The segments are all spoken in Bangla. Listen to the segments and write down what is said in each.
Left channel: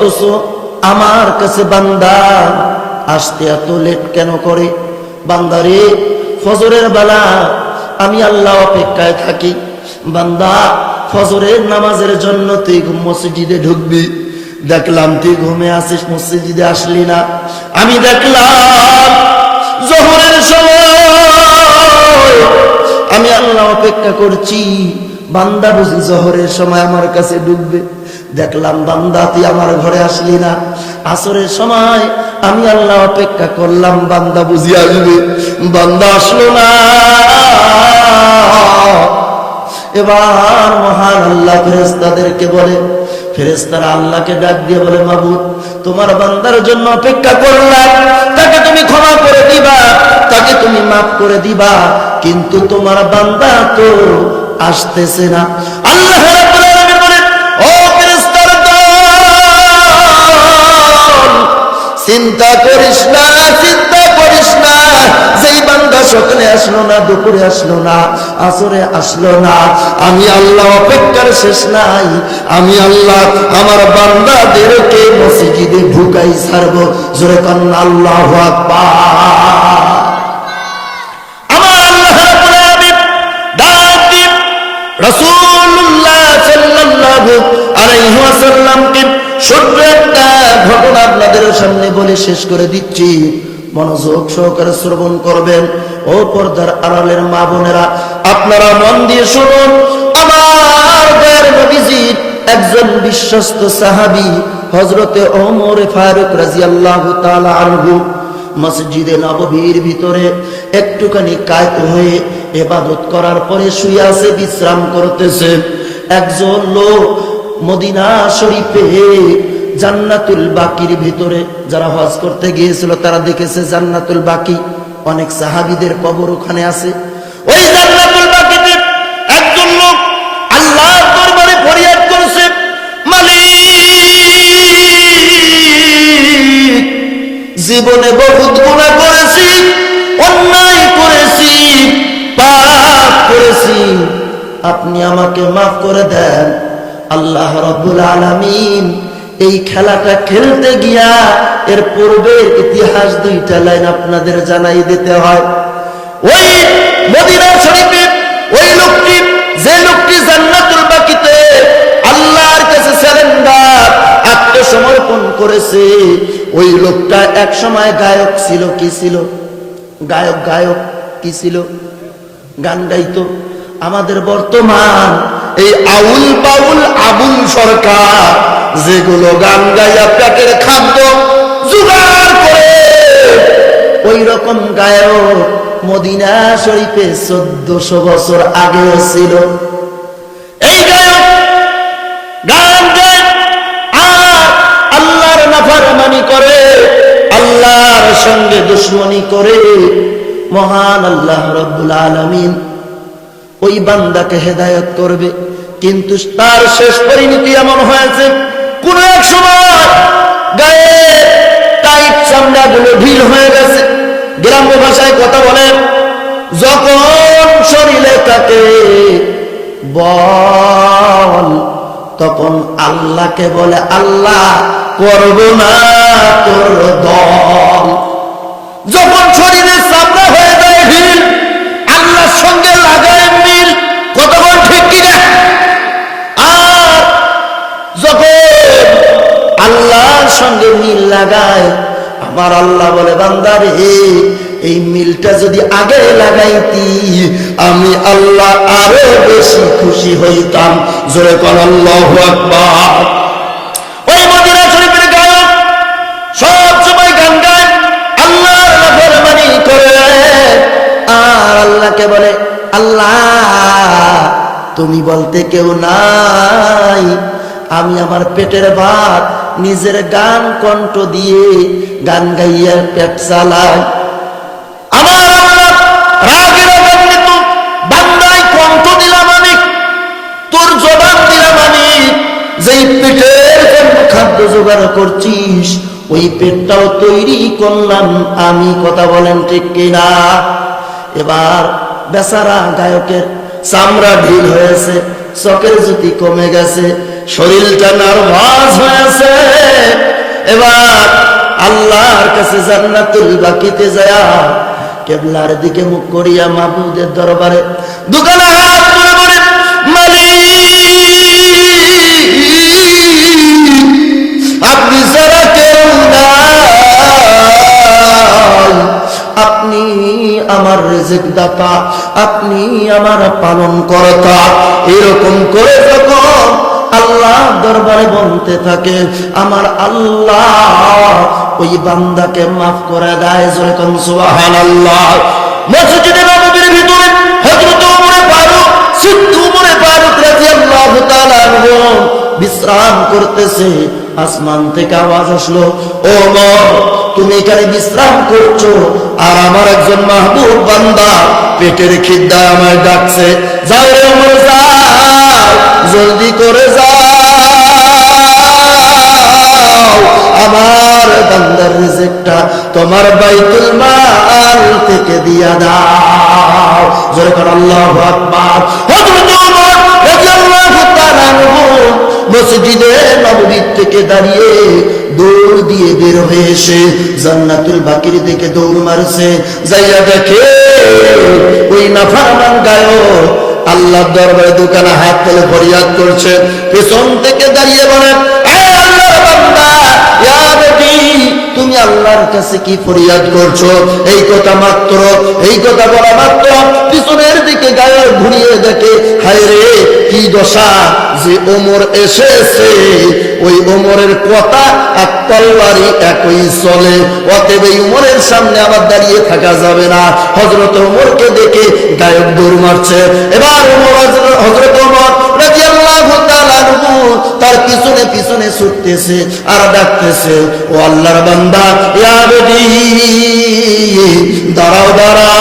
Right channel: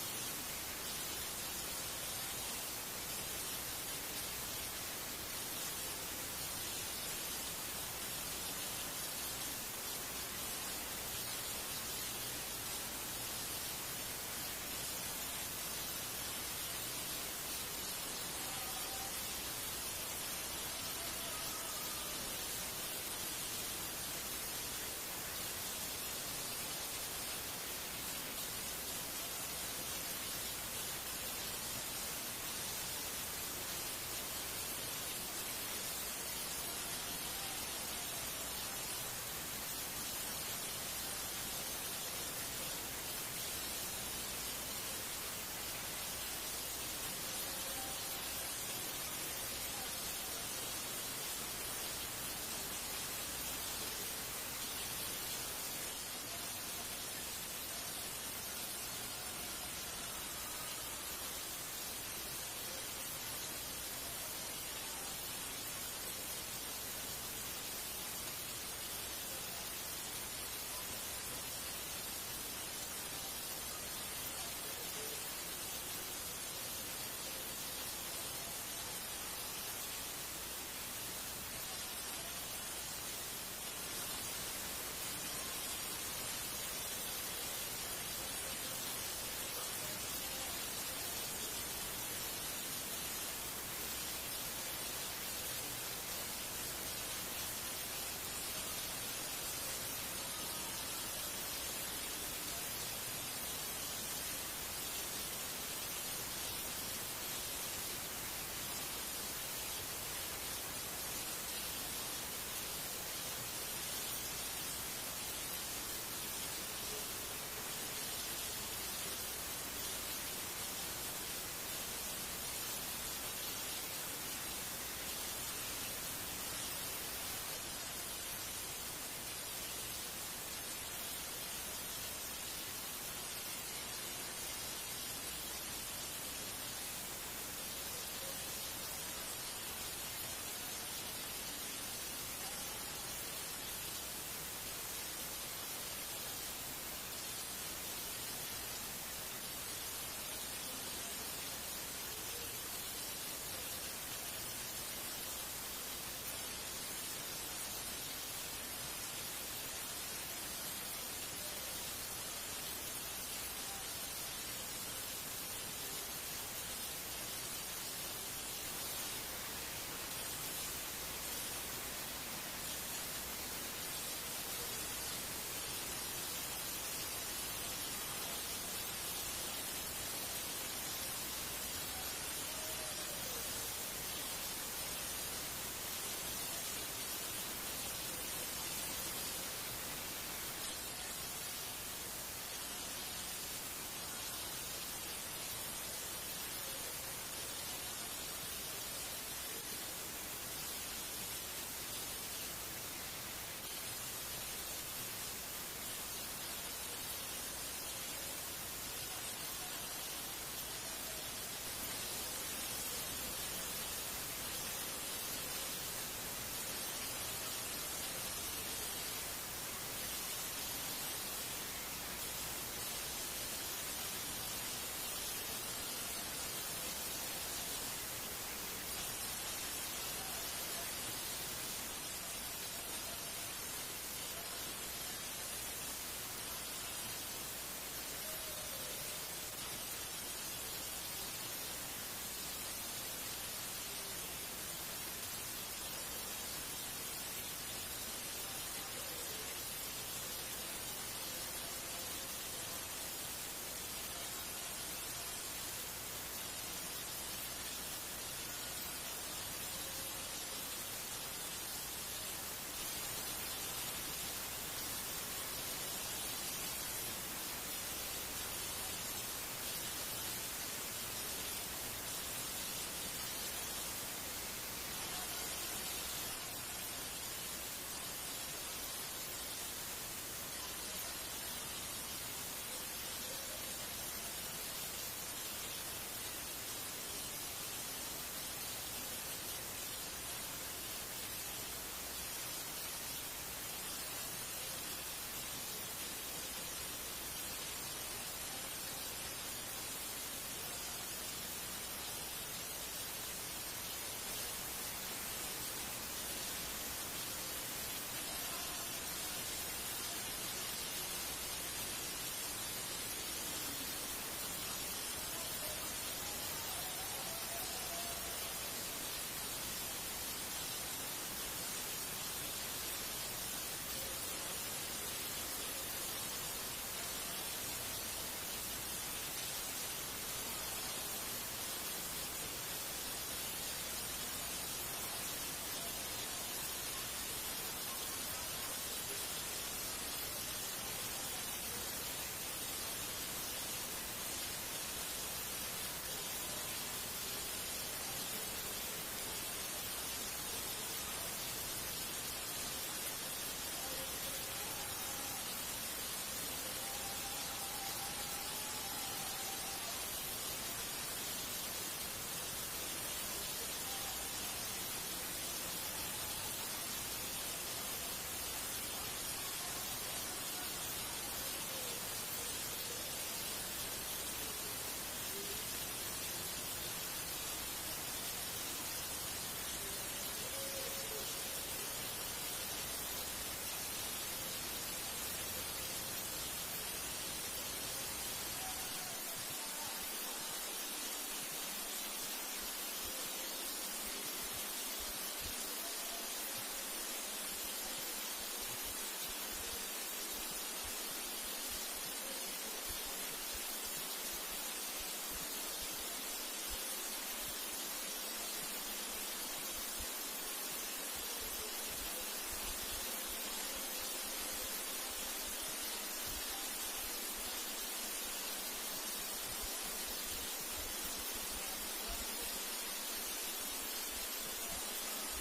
অথচ আমার কাছে বান্দা আসতে এত লেট কেন করে? বান্দারে, ফজরের বেলা আমি আল্লাহ অপেক্ষায় থাকি। বান্দা, ফজরের নামাজের জন্য তুই মসজিদে ঢুকবি, দেখলাম তুই ঘুমে আসিস, মসজিদে আসলি না। আমি দেখলাম জোহরের সময় আমি আল্লাহ অপেক্ষা করছি, বান্দা বুঝি জোহরের সময় আমার কাছে ঢুকবে। দেখলাম বান্দা তুই আমার ঘরে আসলি না। আসরের সময় আমি আল্লাহ অপেক্ষা করলাম, বান্দা বুঝি আসবে, বান্দা আসলো না। এবার মহান আল্লাহ ফেরেশতাদেরকে বলে, ফেরেশতারা আল্লাহকে ডাক দিয়ে বলে, মাবুদ, তোমার বান্দার জন্য অপেক্ষা করলাম, তাকে তুমি ক্ষমা করে দিবা, তাকে তুমি মাফ করে দিবা, কিন্তু তোমার বান্দা তো আসতেছে না। আল্লাহ রাব্বুল আলামিন বলেন, ও ফেরেশতার দল, চিন্তা করিস না, চিন্তা করিস না, যেই বান্দা সকালে আসলো না, দুপুরে আসলো না, আসরে আসলো না, আমি আল্লাহ অপেক্ষার শেষ নাই। আমি আল্লাহ আমার বান্দাদেরকে মসজিদে ঢুকাই ছাড়বো। জোরে কান্না আল্লাহু আকবার। আমার আল্লাহ রাব্বুল আলামিন ডাক দিয়ে রাসূলুল্লাহ সাল্লাল্লাহু আলাইহি ওয়াসাল্লামকে ছোট্ট একটা ঘটনা আপনাদের সামনে বলে শেষ করে দিচ্ছি, মনোযোগ সহকারে শ্রবণ করবেন। ও পর্দার আড়ালের মা বোনেরা, আপনারা মন দিয়ে শুনুন। আমার দয়ার নবীজির একজন বিশ্বস্ত সাহাবী হযরতে ওমর ফারুক রাদিয়াল্লাহু তাআলা আনহু মসজিদে নববীর ভিতরে একটুখানি কায়ত হয়ে ইবাদত করার পরে শুয়ে আছে, বিশ্রাম করতেছে। একজন লোক মদিনা শরীফে জান্নাতুল বাকির ভিতরে, যারা হজ করতে গিয়েছিল তারা দেখেছে জান্নাতুল বাকি, অনেক সাহাবীদের কবর ওখানে আছে। ওই জান্নাতুল বাকিতে একজন লোক আল্লাহর দরবারে ফরিয়াদ করেছে, মালিক, জীবনে বহুত গুনাহ করেছি, অন্যায় করেছি, পাপ করেছি, আপনি আমাকে মাফ করে দেন। আল্লাহ রাব্বুল আলামিন এই খেলাটা খেলতে গিয়া এর পূর্বের ইতিহাস দুইটা লাইন আপনাদের জানাই দিতে হয়। ওই মদিনা শরীফে ওই লোকটি, যে লোকটি জান্নাতুল বাকিতে আল্লাহর কাছে সারেন্ডার, আত্মসমর্পণ করেছে, ওই লোকটা এক সময় গায়ক ছিল। কি ছিল? গায়ক কি ছিল? গান গাইতো। আমাদের বর্তমান এই আউল বাউল আবুল সরকার যেগুলো গান গাইয়া পেটের খাদ্য জোগাড় করে, ওই রকম গায়ক মদিনা শরীফে 1400 বছর আগে ছিল। এই গায়ক গান গায় আর আল্লাহর নাফরমানি করে, আল্লাহর সঙ্গে দুশমনি করে। মহান আল্লাহ রাব্বুল আলামিন ওই বান্দাকে হেদায়েত করবে, কিন্তু তার শেষ পরিণতি এমন হয়েছে, কোন এক সময় গায়ে টাইট চামড়াগুলো ঢিল হয়ে গেছে। গ্রাম্য ভাষায় কথা বলেন, যখন শরীরে তাকে বল, তখন আল্লাহকে বলে, আল্লাহ করব না তোর দল। যখন শরীরে চামড়া হয়ে যায় ঢিল, আল্লাহর সঙ্গে লাগায় মিল, কতক্ষণ ঠিক কিনা? আর যখন আল্লাহর সঙ্গে মিল লাগায়, আমার আল্লাহ বলে, বান্দারে, এই মিলটা যদি আগে লাগাইতি আমি আল্লাহ আরো বেশি খুশি হইতাম। জোরে কোন আল্লাহু আকবার। ওই মদিনা শরীফের গায়ক সব সময় গান গায়, আল্লাহর নাফরমানি করে, আর আল্লাহকে বলে, আল্লাহ তুমি বলতে কেউ নাই, আমি আমার পেটের ভাত নিজের গান কণ্ঠ দিয়ে গান গাইয়া পেট চালাই। আমার আল্লাহ রাগে রাগান্বিত, বান্দায় কণ্ঠ দিলাম আমি, তোর জবান দিলাম আমি, যেই পেটের জন্য খাদ্য জোগাড় করছিস ওই পেটটাও তৈরি করলাম আমি। কথা বলেন ঠিক কিনা? এবার বেচারা গায়কের চামড়া ঢিল হয়েছে, চোখের জ্যোতি কমে গেছে, শরীরটা নার্ভাস হয়েছে, আল্লাহর কাছে জান্নাতুল বাকিতে যায় কেবলার দিকে মুখ করিয়া মাবুদের দরবারে দুখানা হাত তুলে বলে, মালিক আপনি ছাড়া কেউ নাই, আপনি আমার রিজিক দাতা, আপনি আমার পালন কর্তা। এরকম করে যখন আল্লাহ দরবারে বলতে থাকে, আমার আল্লাহ ওই বান্দাকে মাফ করে দেয়। যেরকম সুবহানাল্লাহ। মসজিদে নববীর ভিতরে হযরত ওমর ফারুক, সিদ্দিক ওমর ফারুক রাদিয়াল্লাহু তাআলা আনহু বিশ্রাম করতেছে। আসমান থেকে আওয়াজ আসলো, ওমর তুমি এখানে বিশ্রাম করছো, আর আমার একজন মাহবুব বান্দা পেটের খিদা আমায় ডাকছে। যাও রে ওমর যাও, জলদি করে যাও, আমার বান্দার রিজিকটা তোমার বাইতুল মাল থেকে দিয়া দাও। জোরে করে আল্লাহু আকবার। হযরত ওমর রাদিয়াল্লাহু তাআলা আনহু মসজিদে নববী থেকে দাঁড়িয়ে দৌড় দিয়ে বের হয়ে এসে জান্নাতুল বাকির দিকে দৌড় মারছে। যাইয়া দেখে ওই নাফরমান গায়ক আল্লাহর দরবারে দুখানা হাত তুলে ফরিয়াদ করছে। পেছন থেকে দাঁড়িয়ে বলেন, হে আল্লাহর বান্দা, ইয়া নবী তুমি আল্লাহর কাছে কি ফরিয়াদ করছো? এই কথা বলা মাত্র পিছনের দিকে গায়ে ঘুরিয়ে দেখে, হায় রে কি দশা যে ওমর এসেছে, ওই ওমরের কথা এক তরবারি একই চলে, অতএব এই ওমরের সামনে আবার দাঁড়িয়ে থাকা যাবে না। হযরত ওমরকে দেখে গায়ক দৌড় মারছে। এবার হযরত ওমর রাদিয়াল্লাহু তাআলা আনহু তার পিছনে পিছনে ছুটতেছে আর ডাকতেছে, ও আল্লাহর বান্দা, ইয়া নবী দাঁড়াও দাঁড়াও,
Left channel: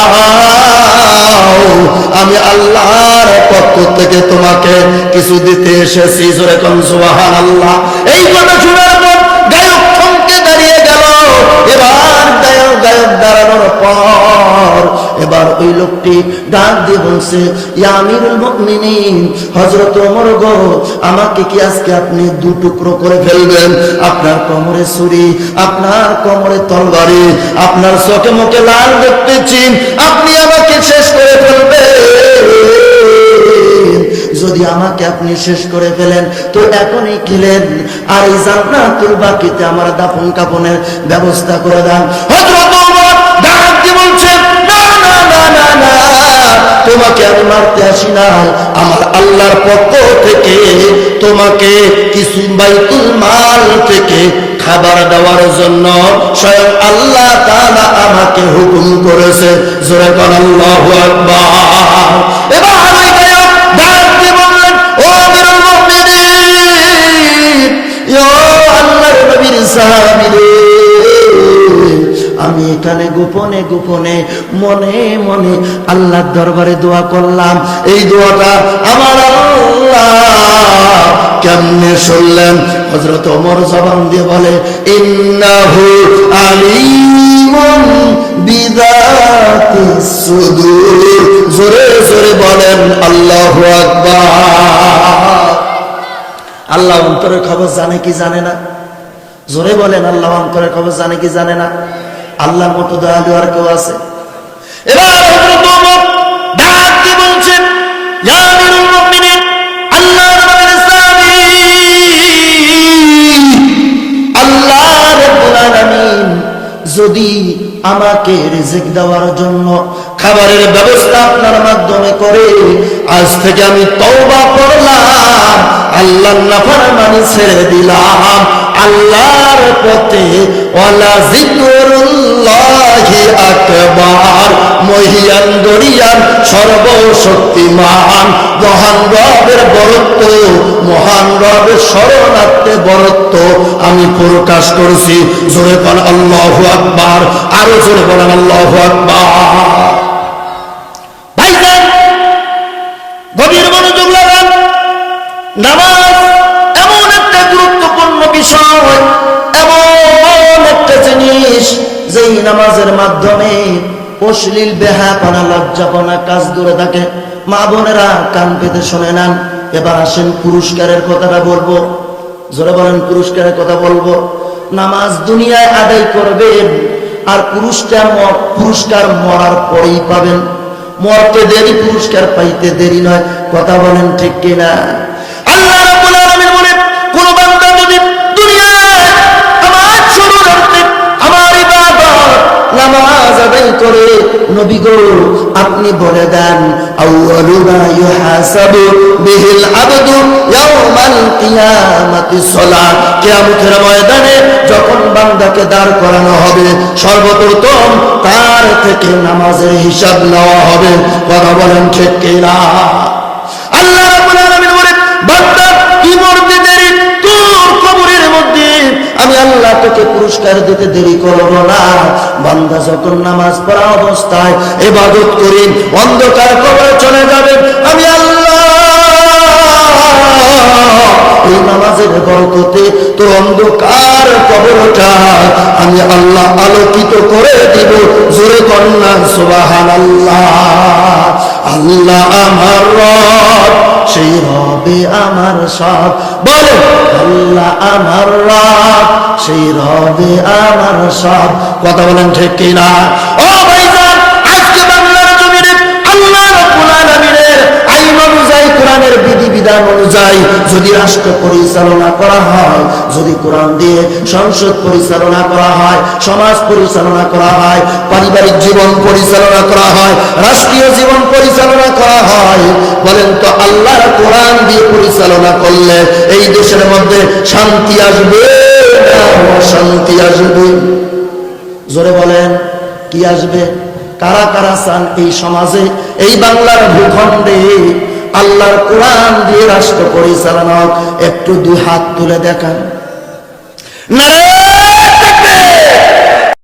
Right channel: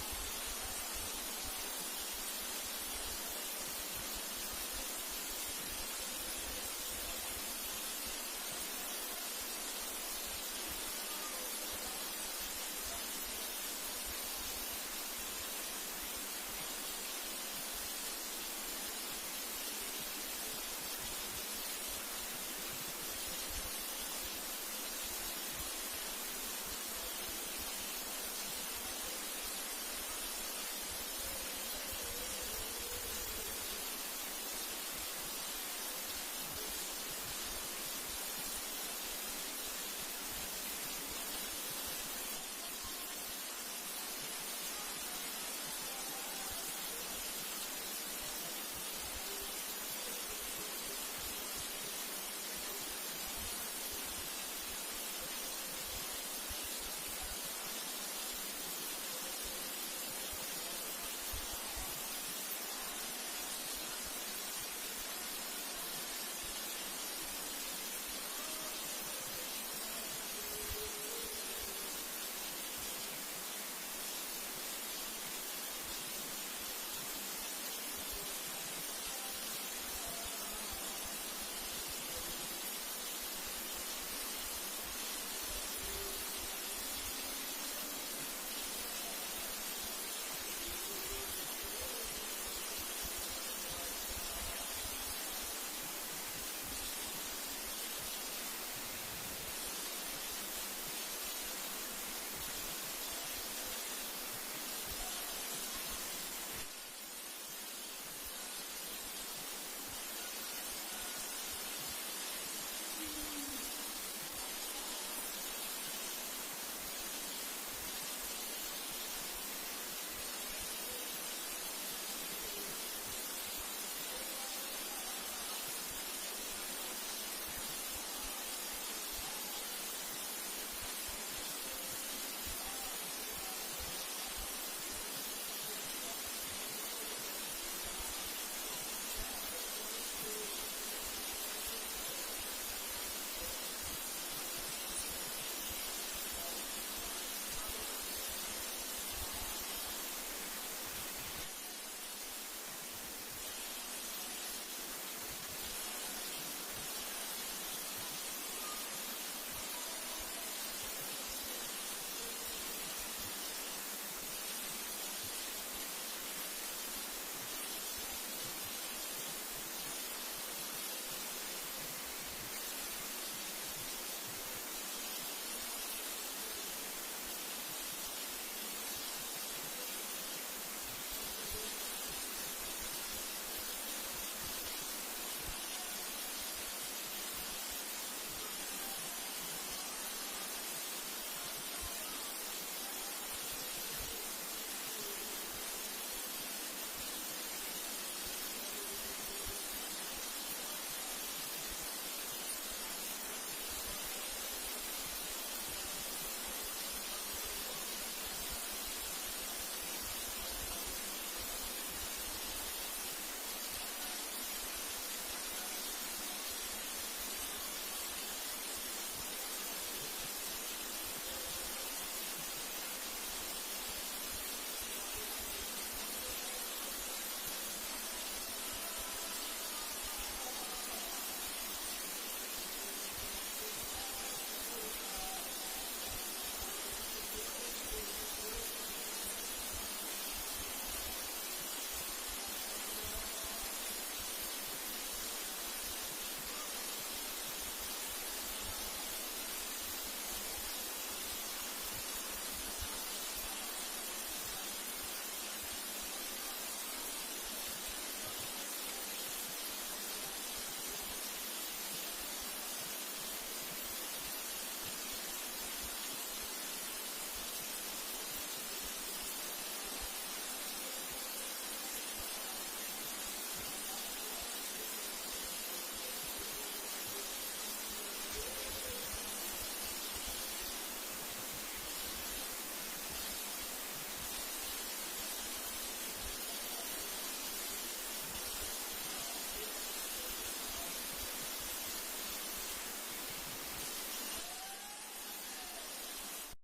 আমি আল্লাহর পক্ষ থেকে তোমাকে কিছু দিতে এসেছি। জোরে কোন সুবহানাল্লাহ। এই কথা শোনার পর গায়ক থমকে দাঁড়িয়ে গেল। এবার গায়ক দাঁড়ানোর পর এবার ওই লোকটি ডাক দিয়ে বলছে, ইয়া আমিরুল মুমিনিন, হযরত ওমর গো, আমাকে কি আজকে আপনি দু টুকরো করে ফেলবেন? আপনার কোমরে ছুরি, আপনার কোমরে তরবারি, আপনার চোখে মুখে লাল দেখতেছি, আপনি আমাকে শেষ করে ফেলবেন। যদি আমাকে আপনি শেষ করে ফেলেন তো এখনই খেলেন, আর এই জান্নাতুল বাকিতে আমার দাফন কাফনের ব্যবস্থা করে দেন। হযরত ওমর ডাক দিয়ে বলছেন, না না না না না, তোমাকে আমি মারতে আসি না, আমার আল্লাহর পক্ষ থেকে তোমাকে কিছু বাইতুল মাল থেকে খাবার দেওয়ার জন্য স্বয়ং আল্লাহ তাআলা আমাকে হুকুম করেছে। জোরে বলেন আল্লাহু আকবার। এবার ওই গায়ক ডাক দিয়ে বললেন, ও আমিরুল মুমিনিন, ও আল্লাহর নবীর সাহাবীরা, আমি এখানে গোপনে গোপনে মনে মনে আল্লাহর দরবারে দোয়া করলাম। এই দোয়াটা আমার আল্লাহ কেমনে শুনলেন? হযরত ওমর জবান দিয়ে বলে, ইন্নাহু আলিমুন বিযাতিস সুদূর। জোরে জোরে বলেন আল্লাহু আকবার। আল্লাহ অন্তরের খবর জানে কি জানে না? জোরে বলেন, আল্লাহ অন্তরের খবর জানে কি জানে না? আল্লাহর মতো দয়ালু আর কেউ আছে? এবার হযরত ওমর ডাক দিয়ে বলছেন, ইয়া আমিরুল মুমিনিন, আল্লাহর নবীর সাহাবী, আল্লাহ রাব্বুল আলামিন যদি আমাকে রিজিক দেওয়ার জন্য খাবারের ব্যবস্থা আপনার মাধ্যমে করে, আজ থেকে আমি তওবা করলাম, আল্লাহর নাফরমানি ছেড়ে দিলাম, আল্লাহর পথে ওয়ালা জিকরুল্লাহি আকবার। মহিয়ান দরিয়ান সর্বশক্তিমান মহান রবের বরত্ব, মহান রবের শরণার্থে বরত্ব আমি প্রকাশ করছি। জোরে বলেন আল্লাহু আকবার। আরো জোরে বলেন আল্লাহু আকবার। ভাইজান, গভীর মনোযোগ লাগান। নামাজ এমন একটা গুরুত্বপূর্ণ বিষয়, এমন একটা জিনিস যেই নামাজের মাধ্যমে অশ্লীল বেহায়াপনা লজ্জাপনা কাজ দূরে থাকে। মা বোনেরা কান পেতে শুনে নেন। এবার আসেন পুরস্কারের কথাটা বলবো। জোরে বলেন, পুরস্কারের কথা বলবো। নামাজ দুনিয়ায় আদায় করবেন আর পুরস্কার মরার পরেই পাবেন। মরতে দেরি, পুরস্কার পাইতে দেরি নয়। কথা বলেন ঠিক কিনা? আল্লাহ রাব্বুল আলামিন বলেন, কোন বান্দা যদি দুনিয়ায় আমার শরীরার্থে আমার ইবাদত নামাজ আদায় করে, নবী গো আপনি বলে দেন, আউয়ালু মা ইউহাসাবু বিহিল আবদু ইয়াউমাল কিয়ামাতিস সালাত। কিয়ামতের ময়দানে যখন বান্দাকে দাঁড় করানো হবে, সর্বপ্রথম তার থেকে নামাজের হিসাব নেওয়া হবে। কথা বলেন ঠিক কিনা? আল্লাহ রাব্বুল আলামিন বলেন, বান্দা কি মরতে দেরি, তোর কবরের মধ্যে আমি আল্লাহ তোকে পুরস্কার দিতে দেরি করব না। বান্দা যখন নামাজ পড়া অবস্থায় ইবাদত করি, অন্ধকার কবরে চলে যাবে, আমি আল্লাহ এই নামাজের বরকতে তোর অন্ধকার কবরটা আমি আল্লাহ আলোকিত করে দিব। জোরে কন্যা সুবহানাল্লাহ। আল্লাহ আমার রব, সেই রবে আমার সব। বলে আল্লাহ আমার রব, সেই রবে আমার সব। কথা বলেন ঠিক কিনা? ও ভাইজান, আজকে বাংলার জমিনে আল্লাহ রাব্বুল আলামিনের আইন অনুযায়ী, কোরআনের বিধিবিধান অনুযায়ী যদি রাষ্ট্র পরিচালনা করা হয়, যদি কোরআন দিয়ে সংসদ পরিচালনা করা হয়, সমাজ পরিচালনা করা হয়, পারিবারিক জীবন পরিচালনা করা হয়, রাষ্ট্রীয় জীবন পরিচালনা করা হয়, বলেন তো আল্লাহর কোরআন দিয়ে পরিচালনা করলে এই দেশের মধ্যে শান্তি আসবে না অশান্তি আসবে? জোরে বলেন, কি আসবে? কারা কারা চান এই সমাজে, এই বাংলার ভূখণ্ডে আল্লাহর কোরআন দিয়ে রাষ্ট্র পরিচালনা? একটু দুই হাত তুলে দেখান। নারে